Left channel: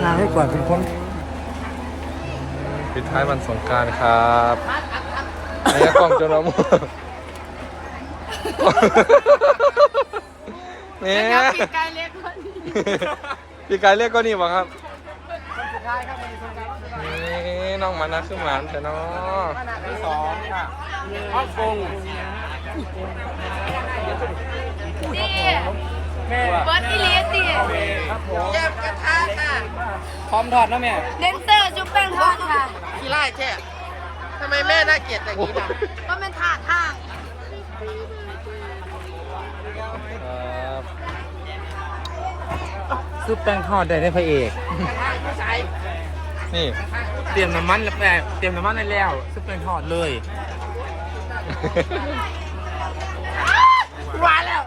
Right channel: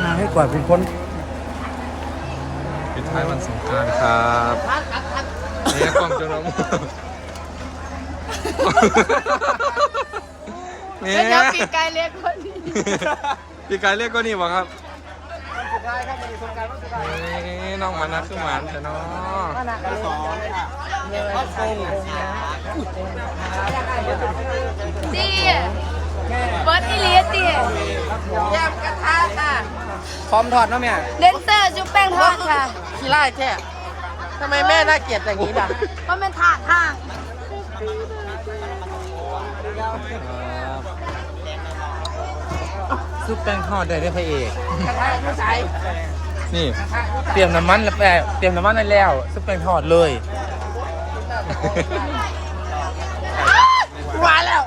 ทางให้กว่าเป็นคนปิดท้ายวันสงกรารครับเนี่ยกล่องจนละมุแม่เดี๋ยวปีกไก่เล็กคนนี้พี่กายเรียกก็นี่บ่ครับนี่น้องมานะคือหมานแต่เนาะฮ่องกงตี เบิร์ดอีเลียตีแยมกระทะค่ะ พร้อมถอดนะแม่เลนเซอร์จุ๊บแป้งทอดค่ะขี้ไล่แค่ทำไมแม่น่าเกลียดอย่างนี้ล่ะก็เป็นถาดข้างครับซุปแป้งทอดได้ได้พระเอกนี่เตรียมน้ำมันแล้วแม่เตรียมน้ำมันได้แล้วซุปแป้งทอดเลยมาแล้ว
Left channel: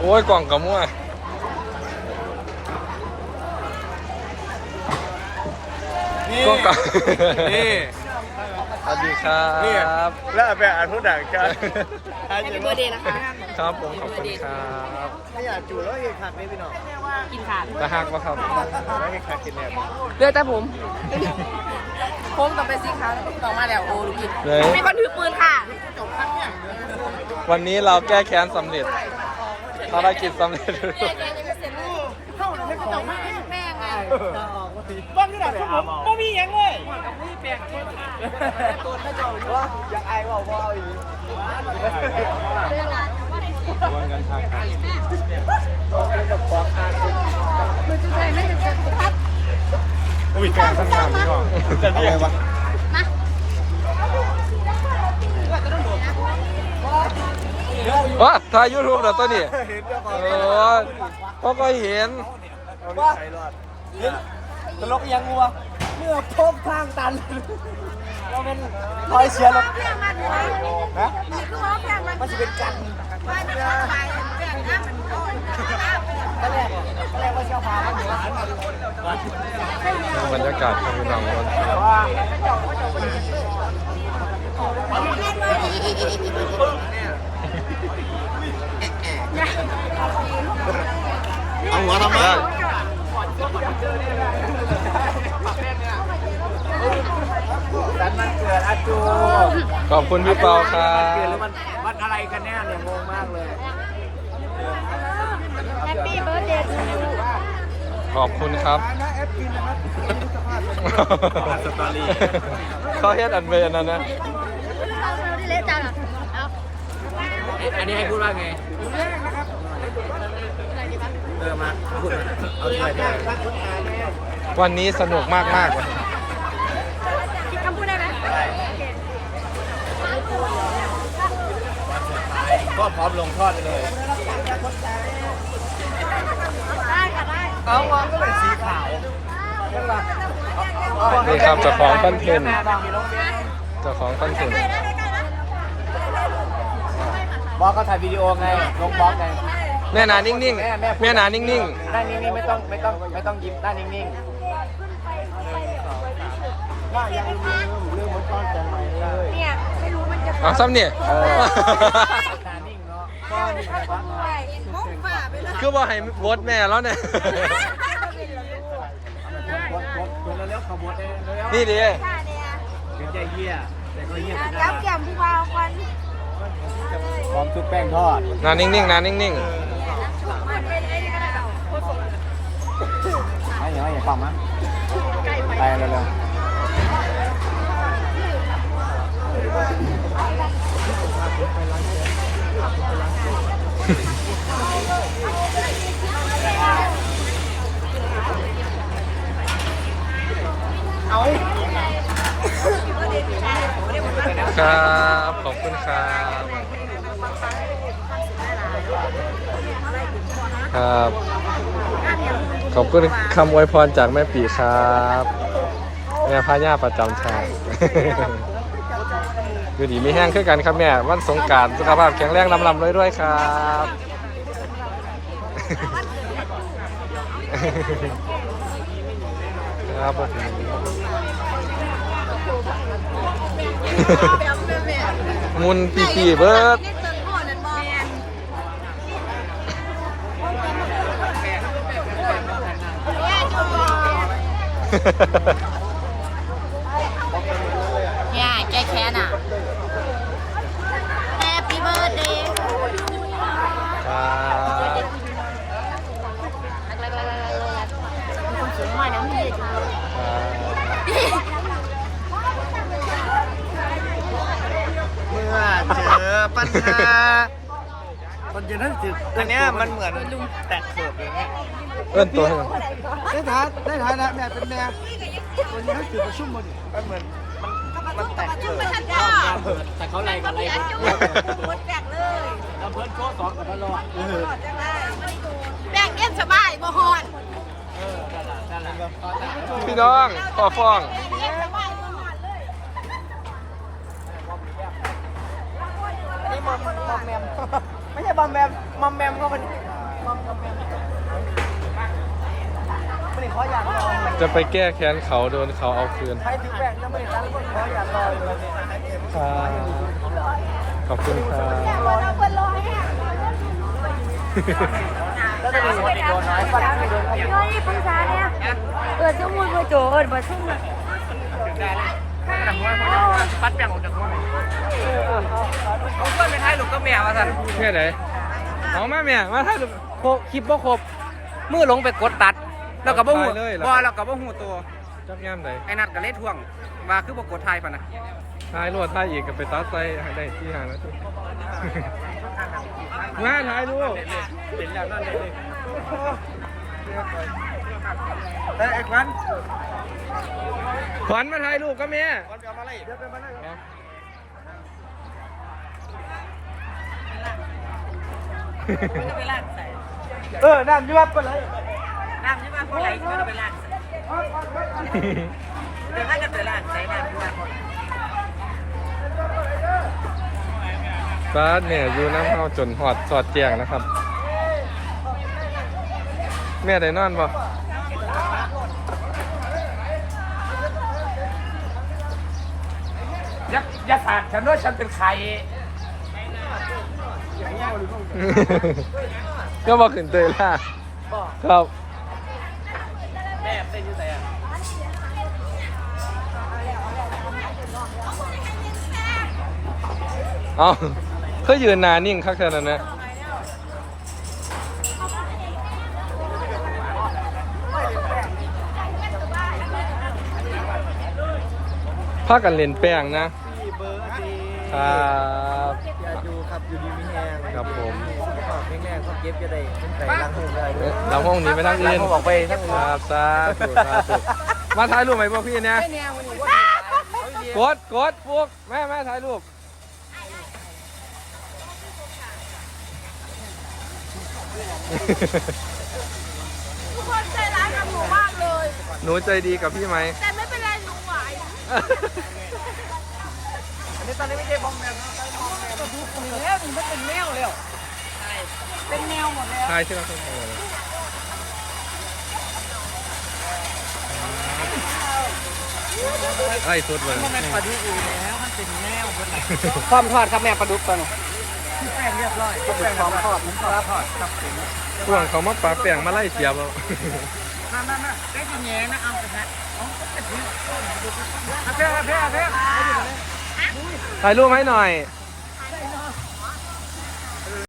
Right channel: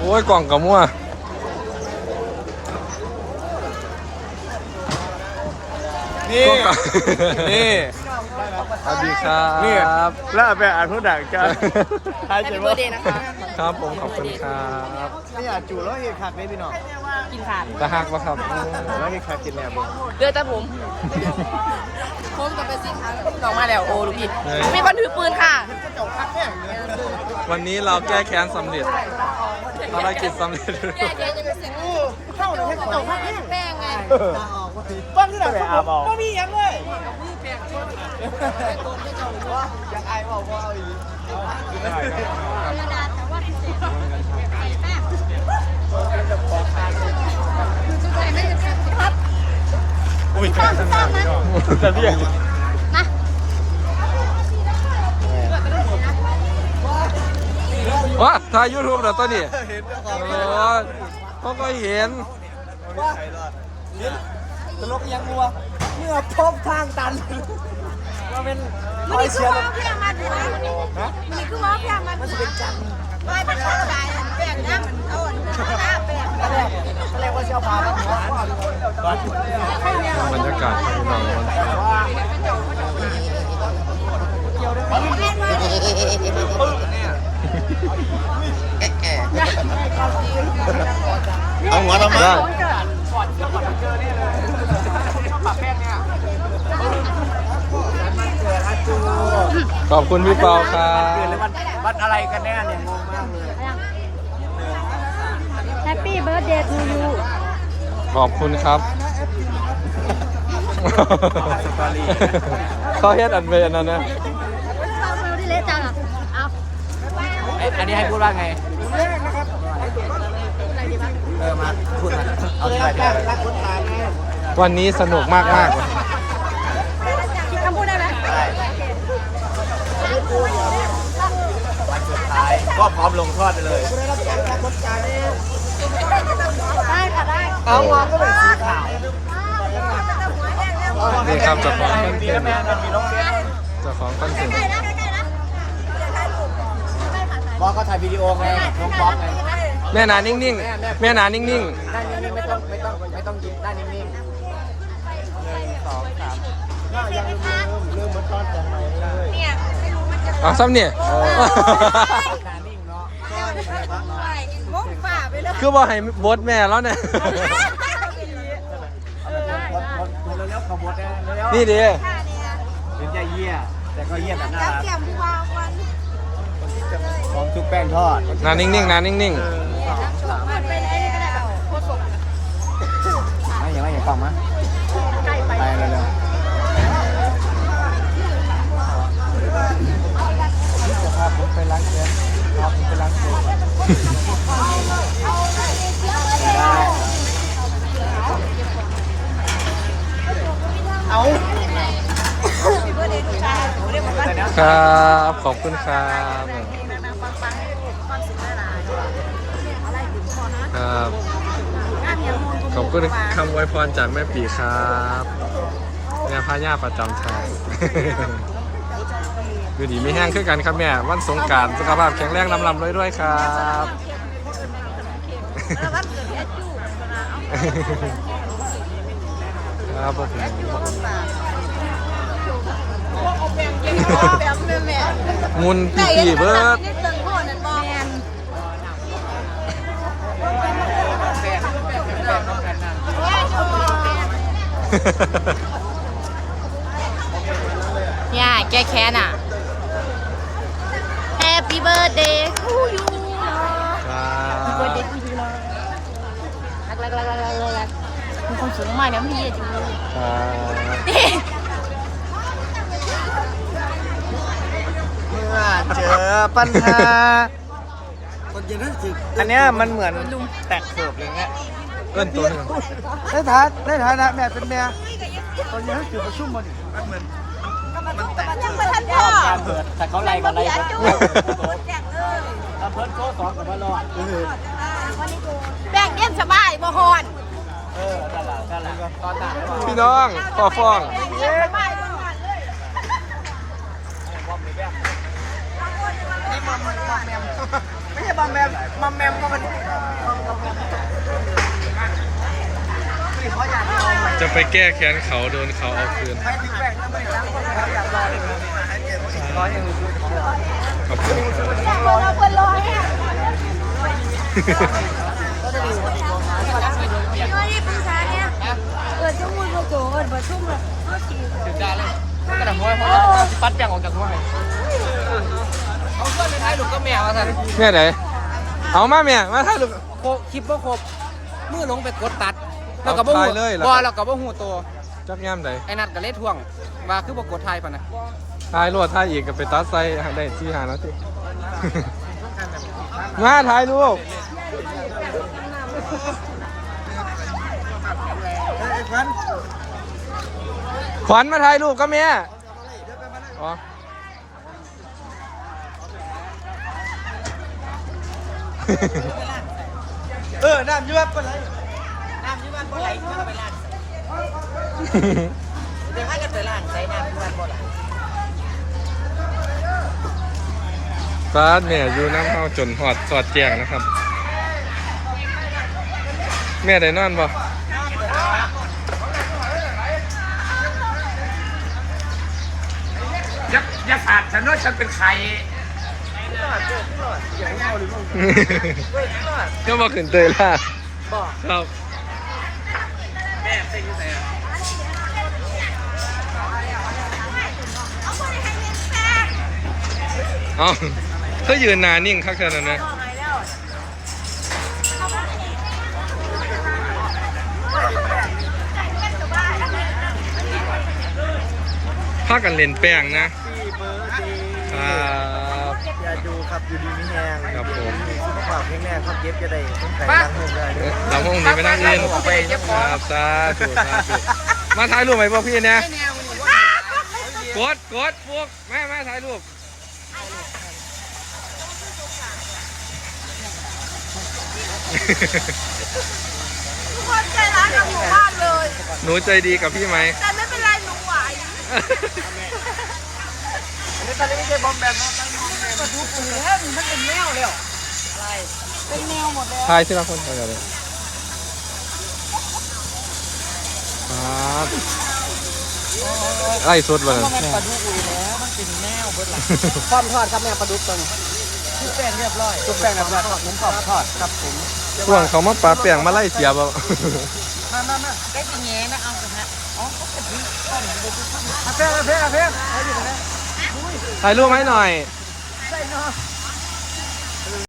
โอ้ยกล่องกับมั่วนี่ กล่องกับนี่ สวัสดีครับแล้วเอาไปอ่านผู้ด่างจ้าแฮปปี้เบอร์เดย์นะคะ ครับผมขอบคุณครับไม่อยากจู่แล้วเอกหักไม่พี่น้องกินขาดจะหักวะครับ แล้วเอกหักกินแหนมเลือดแต่ผมผมกับเป็นสีขาวแล้วออกมาแล้วโอ้ดูพี่ไหน มีคนถือปืนค่ะวันนี้เราแก้แค้นสำเร็จ ภารกิจสำเร็จแม่เดี๋ยวจะเป็นเสียงลูกเข้าให้ตกแม่ไงบ้างที่ไหนครับผมไม่มียังเลยว้าถ่ายยูทูบแล้วตัวนี้ โอ้ยเขาก็เห็นตลกยังงัวเมื่อพบทางตัน เราเป็นคมันอยนี่คืเชีอยร์ว่าเพียงมันหัวมันนี่คือว่าเพียงมันมันเป็นกันไม่มันขาดใจแบ่งน้ำมันอ่อนหน้าแบ่งตอนแรกตอนแรกว่าเชียวพาแล้วหวานบรรยากาศครับพี่น้องวันนี้ เอาหัวทำไมได้ขอบคุณพี่เปาครัเกิดบแล้ววันวันอะไรกันแน่เนี่ยงงมากเลยแฮปปี้เบิร์ดเดย์ทูยูขอบคุณครับสตอรี่เขาเฮ็ดอันเวนนะนะที่เล็กจังเอาอันนี้ให้พูดว่าไง เออมาพูดมาเอาที่ไหนดีวันนี้สนุกมากมากๆเลยคิดคำพูดได้ไหมวันสุดท้ายก็พร้อมลงทอดไปเลยได้ค่ะได้เอาวางก็เป็นสีขาวนี่ครับเจ้าของคอนเทนต์แม่มันมีลงเบี้ยเจ้าของคอนเทนต์ใกล้แล้วใกล้แล้วบอสเขาถ่ายวิดีโอไงน้องบอสไง แม่นานิ่งๆ แม่นานิ่งหน้านิ่งๆไม่ต้องไม่ต้องไม่ต้องยิ้มหน้านิ่งๆเอาซ้ำเนี่ยๆหน้านิ่งเนาะมุกฝ่าไปเลยคือบอกให้บดแม่แล้วเนี่ย เอาแบบบดบดบดเร็วๆขบวดเร็วๆนี่ดิถึงจะเยี่ยแต่ก็เยี่ยแบบน่ารักเกี่ยมพอวัน พร้อมชุบแป้งทอด นานิ่งๆนานิ่งมั ไม่อย่าไม่อย่าปังมะไปเร็วครับ ขอบคุณครับครับ ขอบคุณคำอวยพรจากแม่ปีครับแม่พาย่าประจำทางอยู่ดีไม่แห้งคือกันครับแม่วันสงการสุขภาพแข็งแรงลำลำด้วยด้วยๆครับครับผมแบบแม่งุนปีปีเบิร์ด ย่าแก้แค้นอะ Happy birthday ครับมีความสูงมากนะพี่ครับเมื่อเจอปัญหาตอนเย็นนั่นสิอันเนี้ยมันเหมือนแตกโขดเลยเนี่ย เอิ้นตัวให้หน่อยในฐานะในฐานะแม่เป็นแม่ตอนนี้เขาจุดประชุมมาดิมันเหมือนกับประตูกับประตูประทับใจงานเปิดแต่เขาไล่กันไล่กันแจกเลยลำเพิ่นโชว์สองกับมารอดเออแบ่งเย็นสบายบ่ฮอนเออนั่นแหละนั่นเลยก็พี่น้องต่อฟ้องเย็นสบายบ่ฮอนไม่ใช่บอมแมมมอมแมมก็มันมอมกับแมม ไม่ขออยากรอจะไปแก้แค้นเขาโดนเขาเอาคืน ใครถึงแบ่งแล้วไม่ตั้งก็ขออยากรอเลยครับขอบคุณครับเราเป็นร้อยนี่ปรึกษาเนี่ยเปิดสมุดมาโจทย์เปิดชุ่มเลยกระดังเพราะว่าปัดแบ่งออกจากหัวแม่เอาช่วยไปท้ายลูกก็แมวอะสันแม่ไหนเอามาแม่มาถ่ายรูปคลิปบ่ครบมือลงไปกดตัด แล้วก็บ่หูถ่ายเลยเหรอบ่แล้วก็บ่หูตัวจักย่ำไหนไอ้นัดก็เลยทวงว่าคือบ่กดไทยปะนะถ่ายรวดถ่ายอีกกับไปตัดไซได้ที่หาแล้วที่ มาถ่ายรูปไอ้ควันขวัญมาถ่ายรูปก็แม่อ๋อ เออน้ำยี่ว่าปะไหล น้ำยี่ว่าปะไหลมันก็ไปล้างใส่เดี๋ยวให้กันไปล้างใส่น้ำยี่ว่าปะไหลฟ้าเนี่ยอยู่น้ำเฮาจนหอดสอดแจงนะครับ แม่ได้นอนบ่อย่าอย่าฝากฉันด้วยฉันเป็นใครก็มาขึ้นเตยล่ะครับ เอาเงินแฟนเอาเขายืนนานิ่งคักเท่านั้นนะบอกไงแล้วเอาไปให้จ่ายเงินสบายถ้ากันเล่นแป้งนะครับ ดูครับอยู่ดีมีแหงครับผม มีสุขภาพแข็งแรงครับเย็บจะได้ต้องใส่ล้างหูได้ด้วยเราห้องนี้ไปนั่งอื่นออกไปยังครับสาธุสาธุมาถ่ายรูปไหมพวกพี่เนี่ยกดกดพวกแม่แม่ถ่ายรูปทุกคนใจร้ายกับหนูมากเลย หนูใจดีกับพี่ไหมแต่ไม่เป็นไรหนูไหวอั นนี้ตอนนี้ไม่ใช่บอมแบบนะตั้งมองมันก็ดูปุ๋ยแล้วนี่มันเป็นแนวแล้วเป็นแนวหมดแล้วถ่ายที่เราคนถ่ายกันเลยครับไล่สดเลยมันปลาดุกอยู่แล้วมันเป็นแนวเบิดหลังซ่อมทอดครับแม่ปลาดุกกันทุกแป้งเรียบร้อยทุกแป้งเรียบร้อยผมก็ทอดครับผมช่วงเขามาปลาแป้งมาไล่เสียบ่มามามาแกจะแง่นะเอาสิฮะอ๋อก็จะถึงต้นไปดูต้นเอาเพลงเอาเพลงเอาเพลง ถ่ายรูปให้หน่อย